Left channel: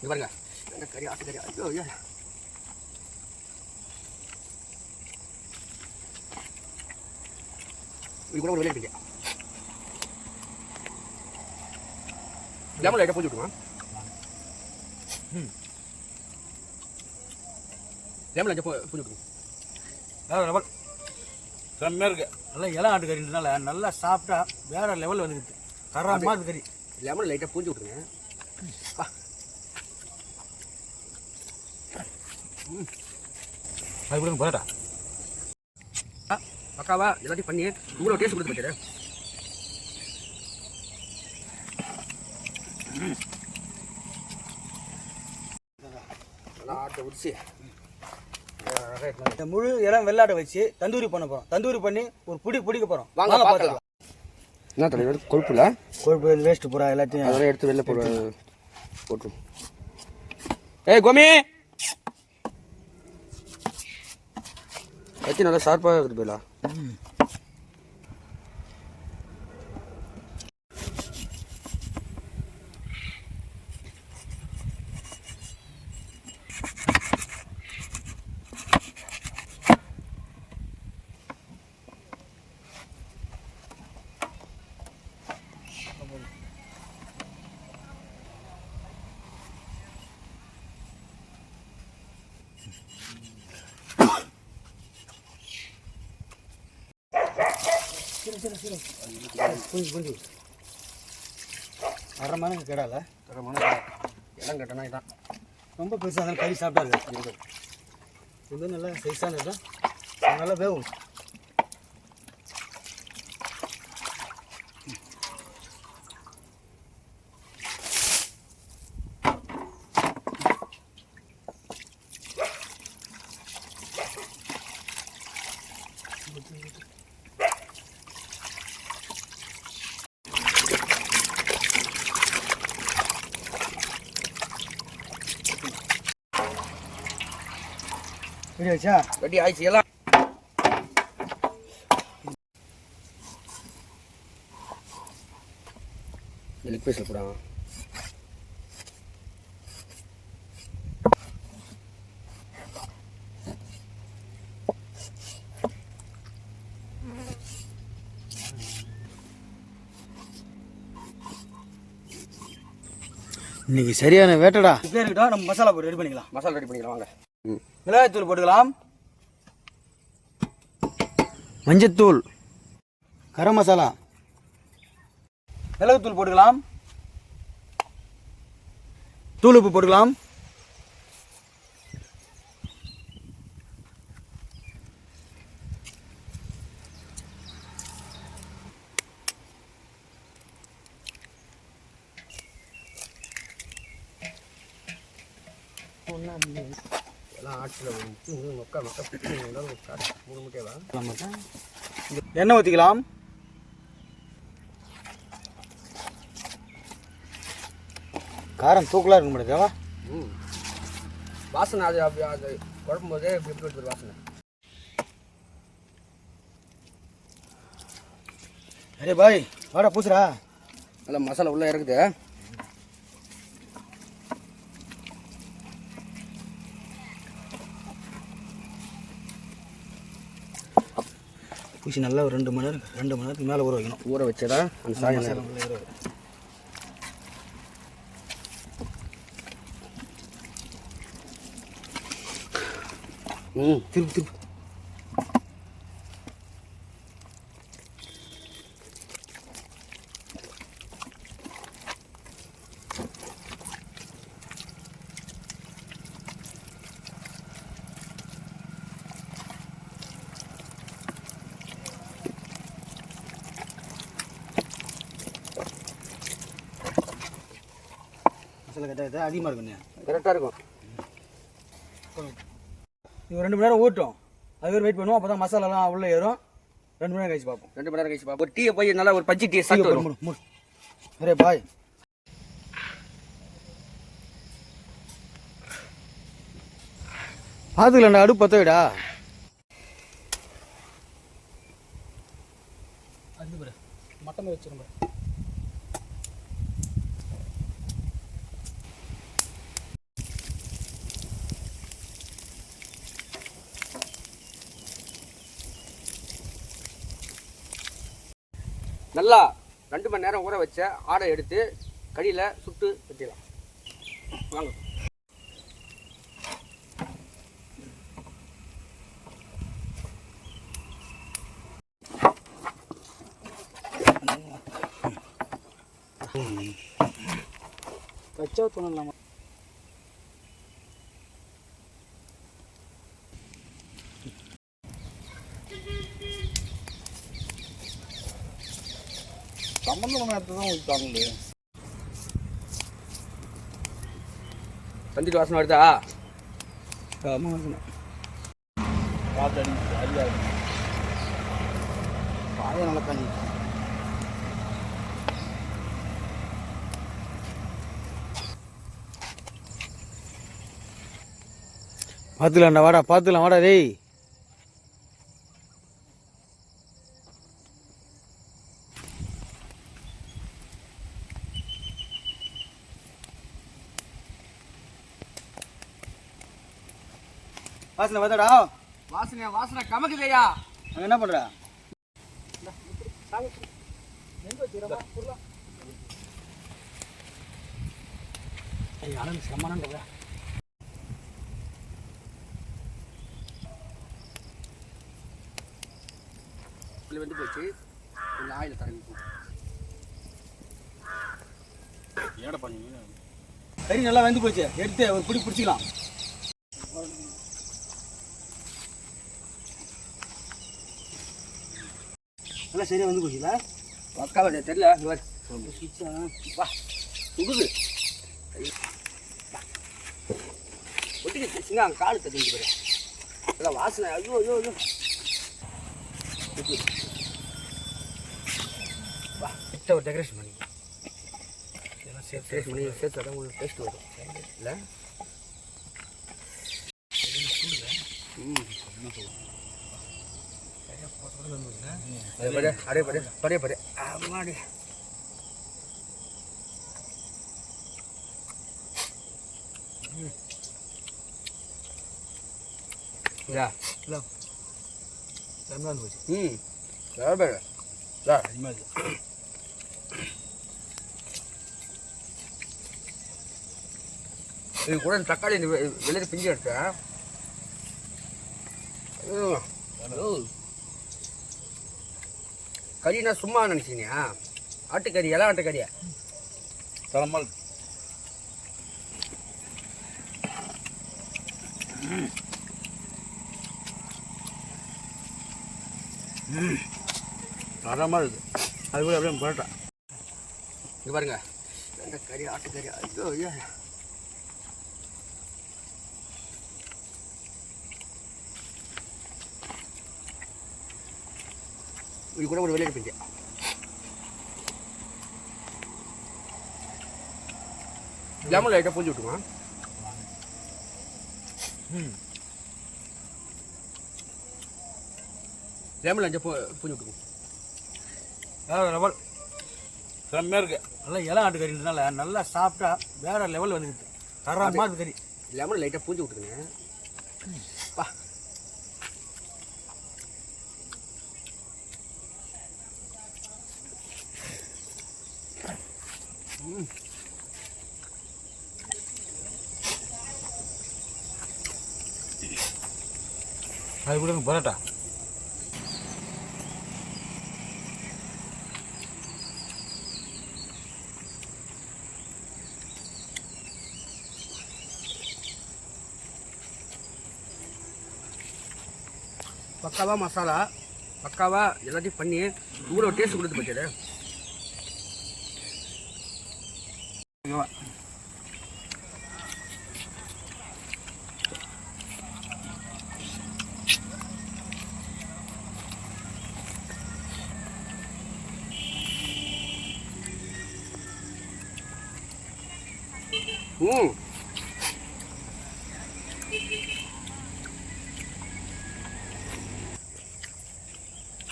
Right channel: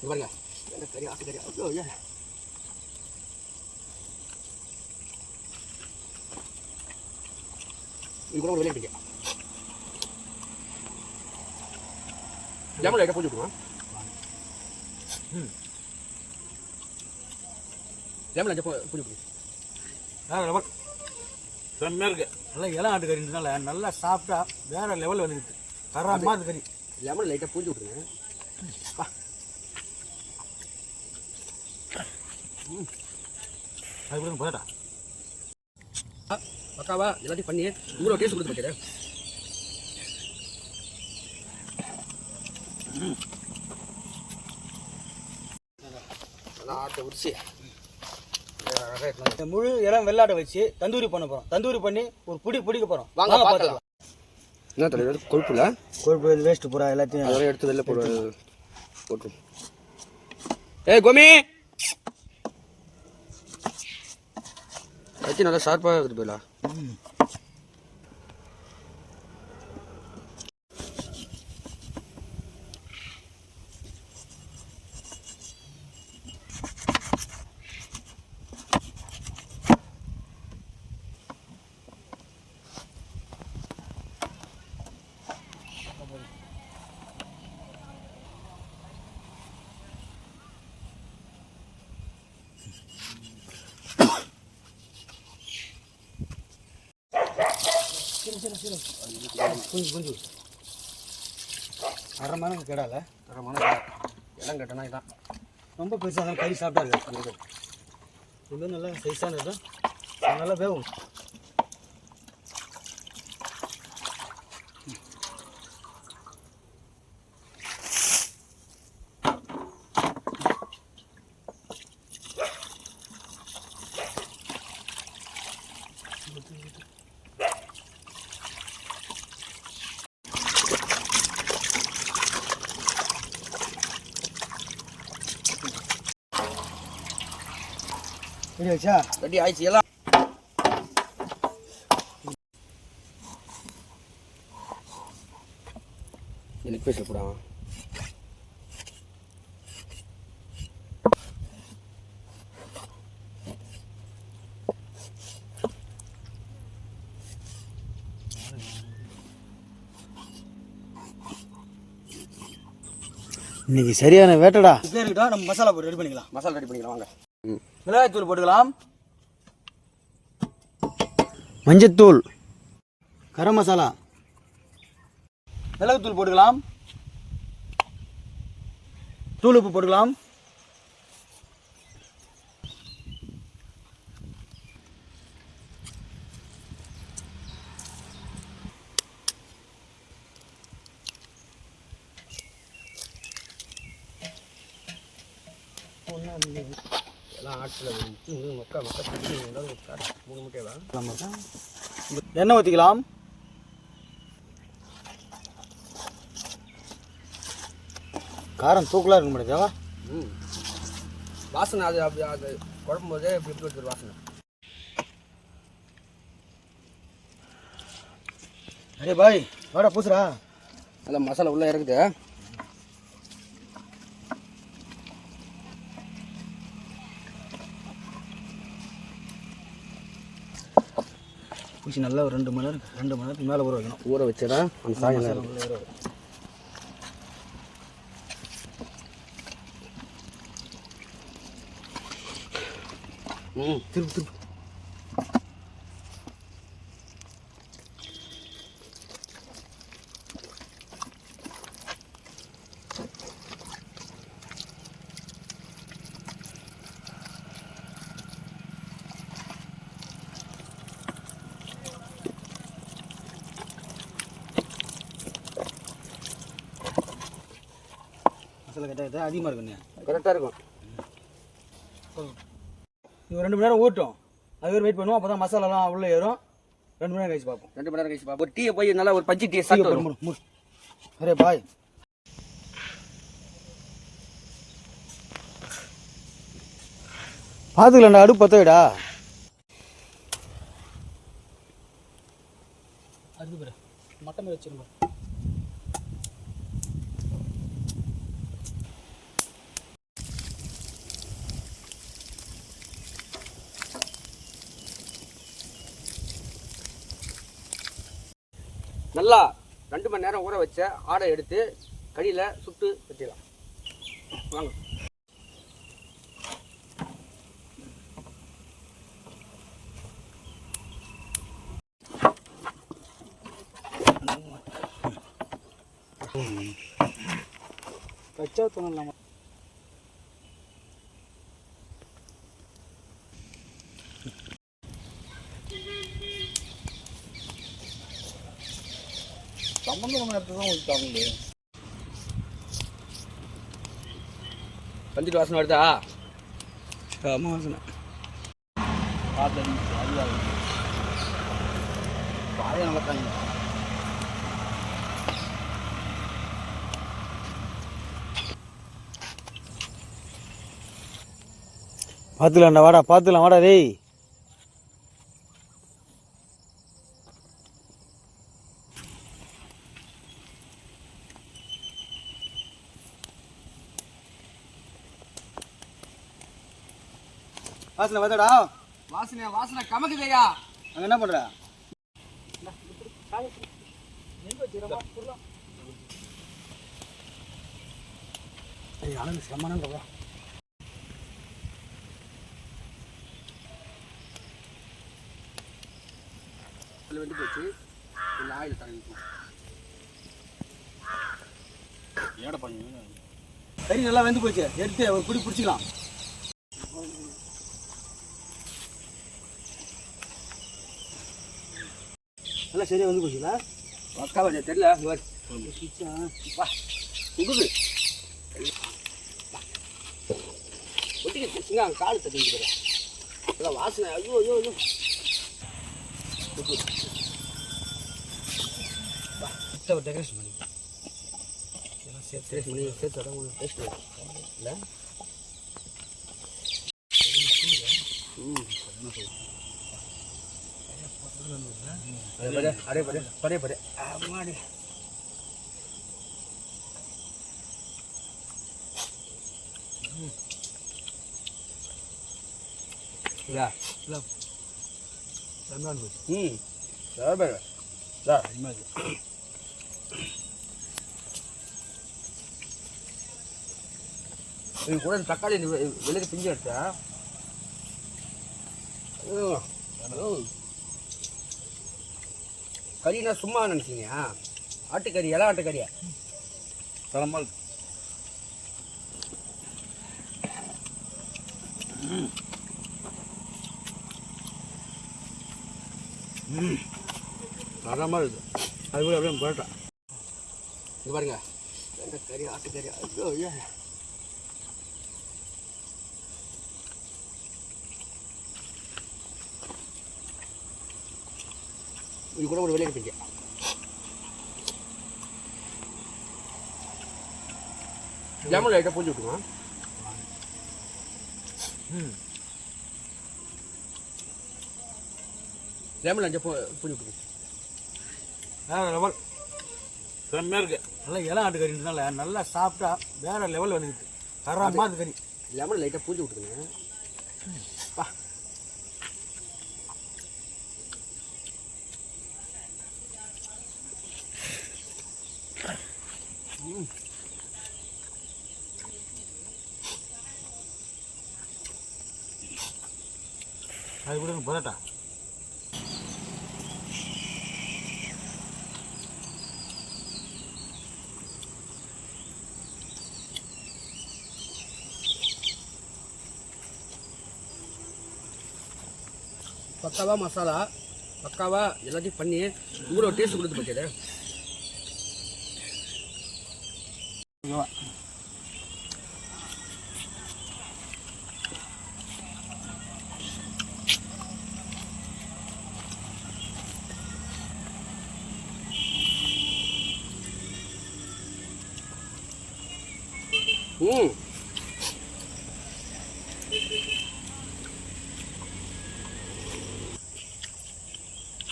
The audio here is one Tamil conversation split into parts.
இது பாருங்க கறி ஆட்டுக்கறி. ஐயோ ஐயா இது கூட ஒரு விளையாட்டுங்க. லெமன் லைட்டாக பூச்சி விட்டுருங்க. லெமன் லைட்டாக பூச்சி விட்டுருங்க. லெமன் செம்மையாக இருக்குது. நல்லா இளம் ஆட்டுக்கறினால நல்லா சாப்பிட்டா வேற லெவலில் வந்துருக்கு. தரமாக இருக்கு கறி. லெமன் லைட்டாக பூச்சி விட்டுருங்க. அது கூட போட்டா பக்காவா எல்லாத்தையும் பண்ணி இவ்வளோ டேஸ்ட் கொடுத்து வைக்கிறேன். நல்லா ஆட்டை உரிச்சு முழு இளம் வெள்ளாட்டை வச்சு தந்தூரி பண்ண போகிறோம். தந்தூரி பண்ணி ஒரு பிடிக்க போகிறோம். வாங்க பார்த்துக்கலாம். என்ன தெரியுது கொழுப்பு இல்லை, கொழுப்பு வேஸ்ட்டு பூரா எல்லாத்தையும் அதெல்லாம் எடுத்து வெளில போட்டு. ஏய் கோமி கத்தி நல்லா ஷார்ப்பாக இருக்குது போயிடலாம். கொஞ்சம் அரை மணி நேரம் கேடால இடம் கட்டினா இதான் ரொம்ப பெருசாக இருந்தாலும் கறி சாப்பிட்டா இருக்கு. இது நல்லா சைஸாக இருக்கும், நல்லா வேகும். ரெடி ஆச்சா? ரெடி ஆயிடுச்சு எல்லாம். லெக் பீஸில் போடாங்க. இன்னைக்கு சரியான வேட்டடா. இப்போ இருக்கட்டும், நம்ம மசாலா போட்டு ரெடி பண்ணிக்கலாம். மசாலா ரெடி பண்ணிக்கலாம் வாங்க. மிளகாய்த்தூள் போட்டுக்கலாம், மஞ்சத்தூள், கரம் மசாலா, மிளகுத்தூள் போட்டுக்கலாம், தூள் உப்பு போட்டுக்கலாம், எல்லாம் ஆட்டில் மக்கா மூணு முட்டையெல்லாம் எண்ணெய் ஊற்றிக்கலாம். காரம் தூக்கலாக இருக்க முடியாதா? வாசனை அது அப்படி அது குழம்பு போதே எப்படி வச்சுரு வாசனை. அரே பாய் வாடா பூசுறா. நல்லா மசாலா உள்ளே இருக்குது. பூசி நல்லா ஒரு 2 மணி நேரத்துக்கு மேலே ஊற வைக்கணும். ஊற வச்சதா அந்த சாயம் திருப்பு மசாலா கரெக்டாக அதிகமாக இருக்குண்ணே. கரெக்டாக இருக்கும். இது 2 மணி நேரம் ஊட்டும். அது வெயிட் பண்ணுவோம். அப்போ தான் மசாலாலாம் உள்ளே ஏறும். 2 மணி நேரம் கழிச்சு பார்ப்போம். 2 மணி நேரம் கழிச்சு பார்ப்போம். ஒரு டீயை போய் நல்லா ஒரு பஜ்ஜி டீயை சாப்பிட்டு அரே பாய் பார்த்துக்கலாம்டா. அடுப்பு பற்ற விடா. அது மட்டன் வச்சுருங்க. நல்லா 2 மணி நேரம் ஊற வச்ச ஆடை எடுத்து கடியில் சுட்டு வச்சிடலாம். வாங்க. கச்சா தூணலாமா? சம்பந்தம் நேரத்தை தான் ஊற்றாங்களே. வந்துட்டு வாசனை வருதா? ஆமாம் வாசனை காத்தடி அறியாது பாய நல்லா காஞ்சி. பார்த்துக்கலாம்டா, வாடா பார்த்துக்கலாம், வாடா டேய். வாசனை பார்த்தாடா. வாசனை கமக்குதையா? அங்கே என்ன பண்ணுற? சமானங்கப்பா. வந்து போச்சு. கொஞ்சம் ஆயில் தரணும். ஏடை பண்ணி கறி நல்லா வெந்து போச்சு. எடுத்து ஒரு பிடி பிடிச்சிக்கலாம். நல்லா சரியாக வந்து போச்சுங்களா? பக்கா வச்சா தெரியல. வா சுடுது. ஒட்டிக்கிட்டு சிங்க காலு தட்டிட்டு போய் நல்லா வாசனை. ஐயோ ஐயோ ஐயோ. வா ஒரு டெக்கரேஷன் பண்ணி டெக்கரேஷன் பண்ணி சேர்த்து தான் உங்களுக்கு டேஸ்ட் வரும் இல்லை? அடே படே படே படே அம்மாடி. இது கூட தக்காளி வெளியே பிஞ்சு எடுத்தேன். கறினா சும்மா நினச்சிங்க? ஆட்டுக்கறி, இலை ஆட்டுக்கறியா? தரமாக தரமாக இருக்குது. அது கூட அப்படியே புரட்டா. இது பாருங்க, கறி ஆட்டுக்கறி. ஐயோ ஐயோ. இது கூட ஒரு வெளியே பிஞ்சு. லெமன் லைட்டாக பூஞ்சி விட்டுமா? லெமன் லைட்டாக பூஞ்சி விட்டுக்கும். வேறு லெவல் செம்மையாக இருக்குது. நல்லா இலை ஆட்டுக்கறின்றதுனால நல்லா சாப்பிட்டா வேறு லெவல் வந்துக்குது. தரமாக அது கறி. லெமன் லைட்டாக பூஞ்சி விட்டுக்குங்க. பா அது கூட பரோட்டா. பக்காவா மசாலா, பக்காவா எல்லாத்தையும் பண்ணி இவ்வளோ டேஸ்ட் கொடுத்து போச்சது.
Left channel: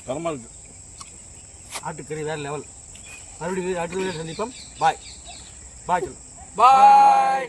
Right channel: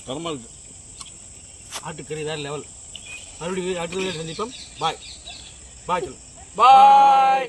தரமாக இருக்குது. ஆட்டுக்கறி வேறு லெவல். மறுபடியும் ஆட்டுக்கறி சந்திப்போம். பாய் பாய் சொல்லு. பாய்.